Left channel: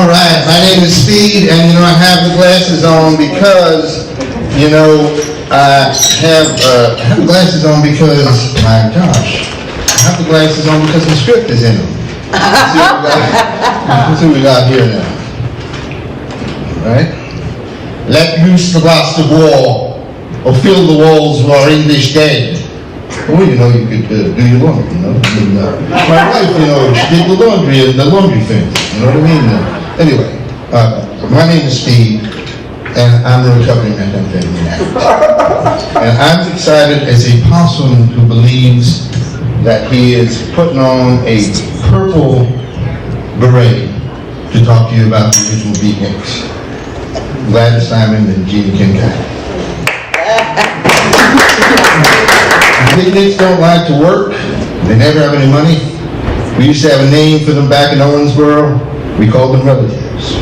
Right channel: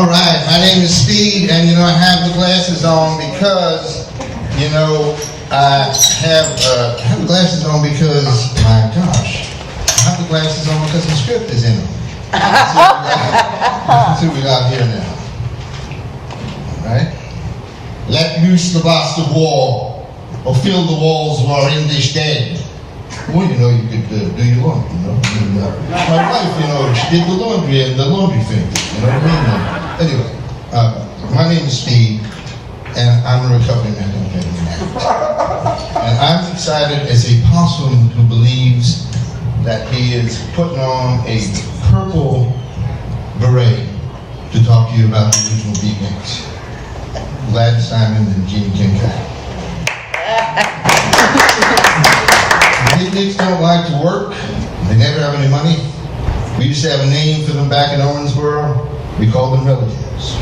All right, my name is Speed, and you know I have the glasses on because, you know, I have the glasses on because, my gosh, I have the glasses on because the script is in them. Let's see what we got here now. Right? Let loose the blast of war, or fill the walls of our English dead. Well, you know, you could do your laundry, you know. And, my wife, you know, she did the laundry and the laundry fence, you know what I mean? Anyway, my name is Speed, and I'm a recovering methamphetamine addict. And I'm excited as a possum who believes that he is putting on a purple beret to talk to you about the original beatniks. Gladys Simon and Jeannie Kincaid. The beatniks don't like to work. They never have any money. We used to have a name for them back in Owensboro. We called them relatives.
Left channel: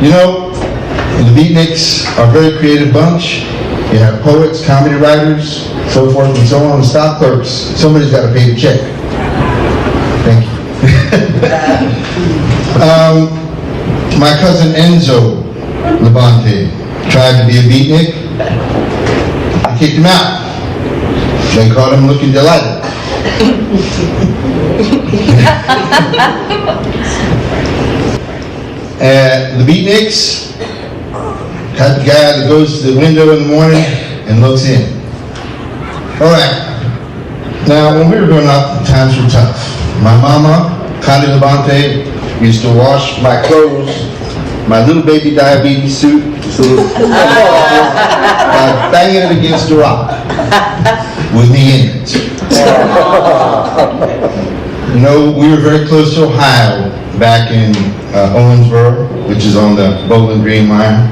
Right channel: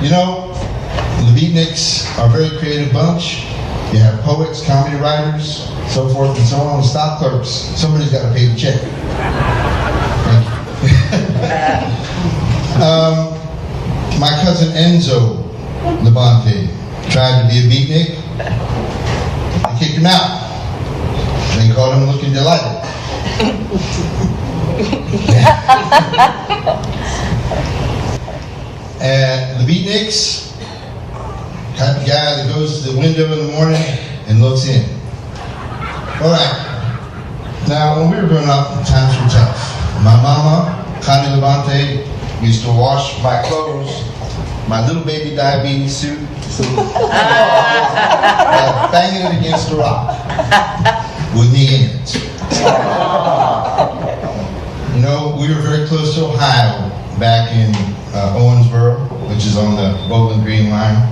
You know, the beatniks are a very creative bunch. You have poets, comedy writers, so forth and so on, and stock clerks. Somebody's got to pay the check. Thank you. My cousin Enzo Labonte tried to be a beatnik. I kicked him out. They caught him looking delighted. The beatniks, type of guy that goes to the window in the morning and looks in. All right. Now, when we were growing up, times were tough. My mama, Connie Labonte, used to wash my clothes, my little baby diabetes suit, by banging it against a rock with me in it. You know, we were very close to Ohio back in Owensboro, which is on the Bowling Green line.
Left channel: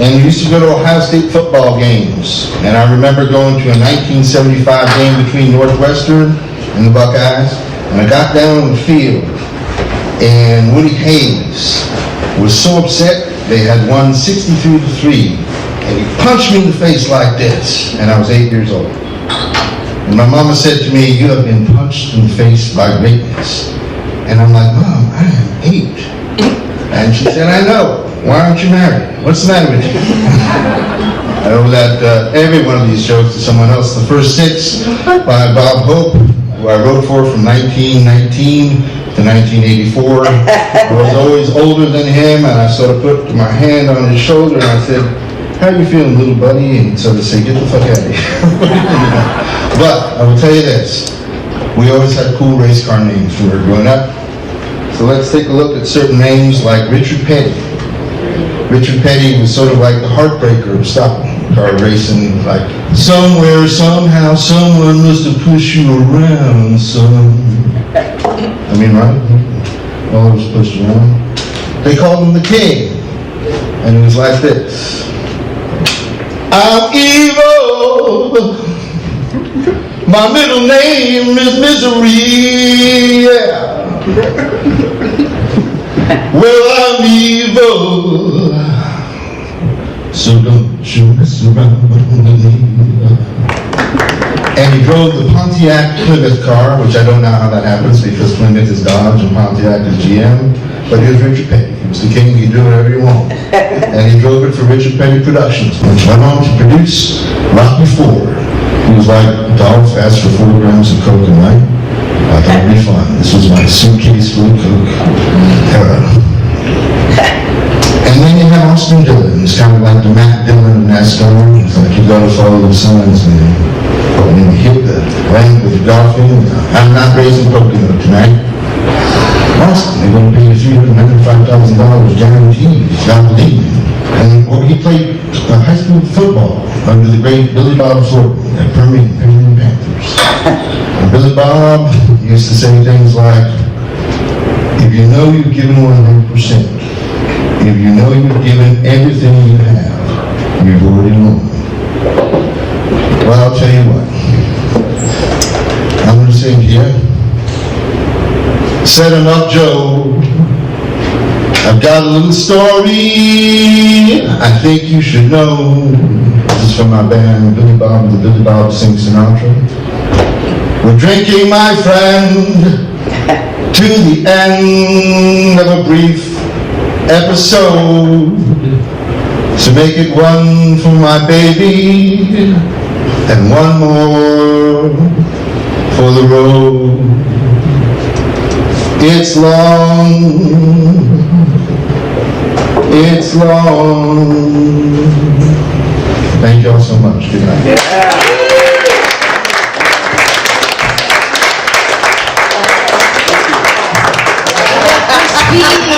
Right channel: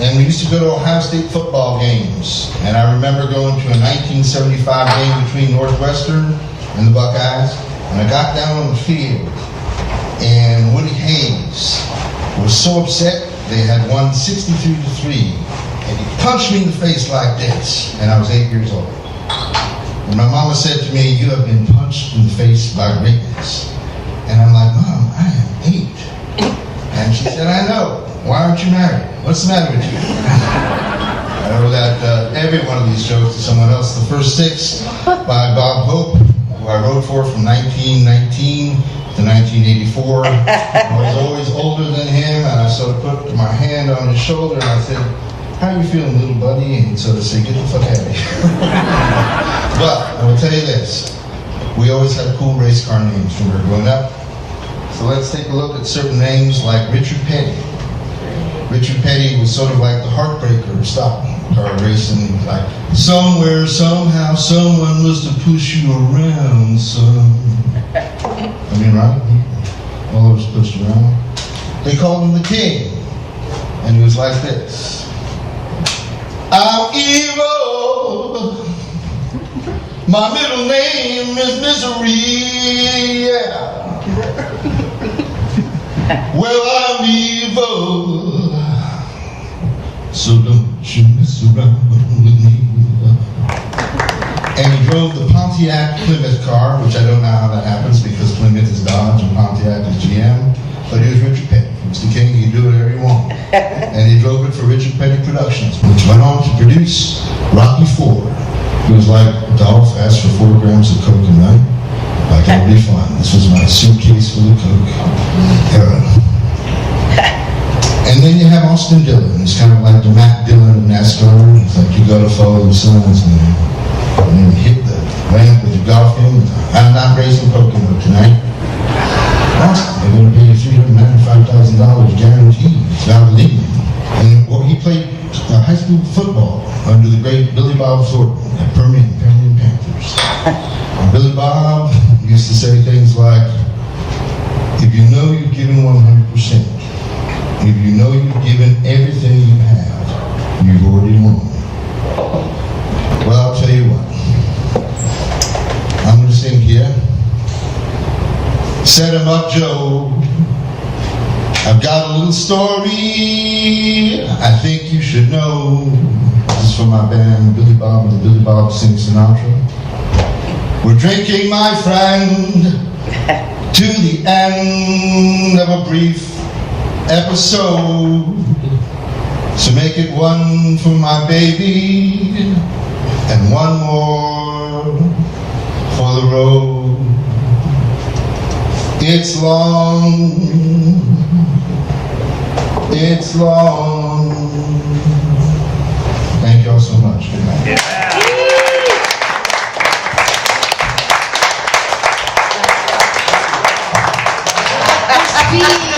And we used to go to Ohio State football games. And I remember going to a 1975 game between Northwestern and the Buckeyes. And I got down on the field, and Woody Hayes was so upset they had won 63-3, and he punched me in the face like this, and I was 8 years old. And my mama said to me, "You have been punched in the face by greatness." And I'm like, "Mom, I am 8. And she said, "I know. Why aren't you married? What's the matter with you?" I owe that every one of these jokes to someone else. The first 6 by Bob Hope, who I wrote for from 1919 to 1984. I was always older than him, and I sort of put my hand on his shoulder and I said, "How you feeling, little buddy?" And he'd sort of say, "Get the fuck out of here." But I will tell you this, we always had cool race car names when we were growing up. So let's take a look at certain names like Richard Petty. Richard Petty was sort of like the heartbreaker of stock car racing, like, somewhere, somehow, someone must have pushed you around, son. I mean, right? All I was pushed around. They called him the King, and it was like this. I'm evil. My middle name is Misery. Yeah. Well, I'm evil. So don't you mess around with me. And he drove the Pontiac Plymouth car, which I don't know how that happens because Plymouth is Dodge and Pontiac is GM. But he was Richard Petty. He was the king. He could do whatever he wanted. And he drove it for Richard Petty Productions, which went on to produce Rocky IV. He was like a dog fast for 4 grams of coke a night. Like, that'll be fun. This was my suitcase full of coke. And then you have Austin Dillon. He's kind of like the Matt Dillon of NASCAR. He's like, you gotta follow the signs, man. And then you hit the ramp with your golfing. I'm not raising Pocono tonight. Austin, they're going to pay you $395,000 guaranteed. It's not believing. And he played high school football under the great Billy Bob Thornton at Permian Panthers. And Billy Bob used to say things like, if you know you've given 100%, if you know you've given everything you have, you've already won. Well, I'll tell you what. I'm going to sing here. Set him up, Joe. I've got a little story I think you should know. This is from my band, Billy Bob and the Billy Bob Sing Sinatra. We're drinking, my friend, to the end of a brief episode. So make it one for my baby and one more for the road. It's long, it's long. Thank y'all so much. Good night. Yeah. Speed.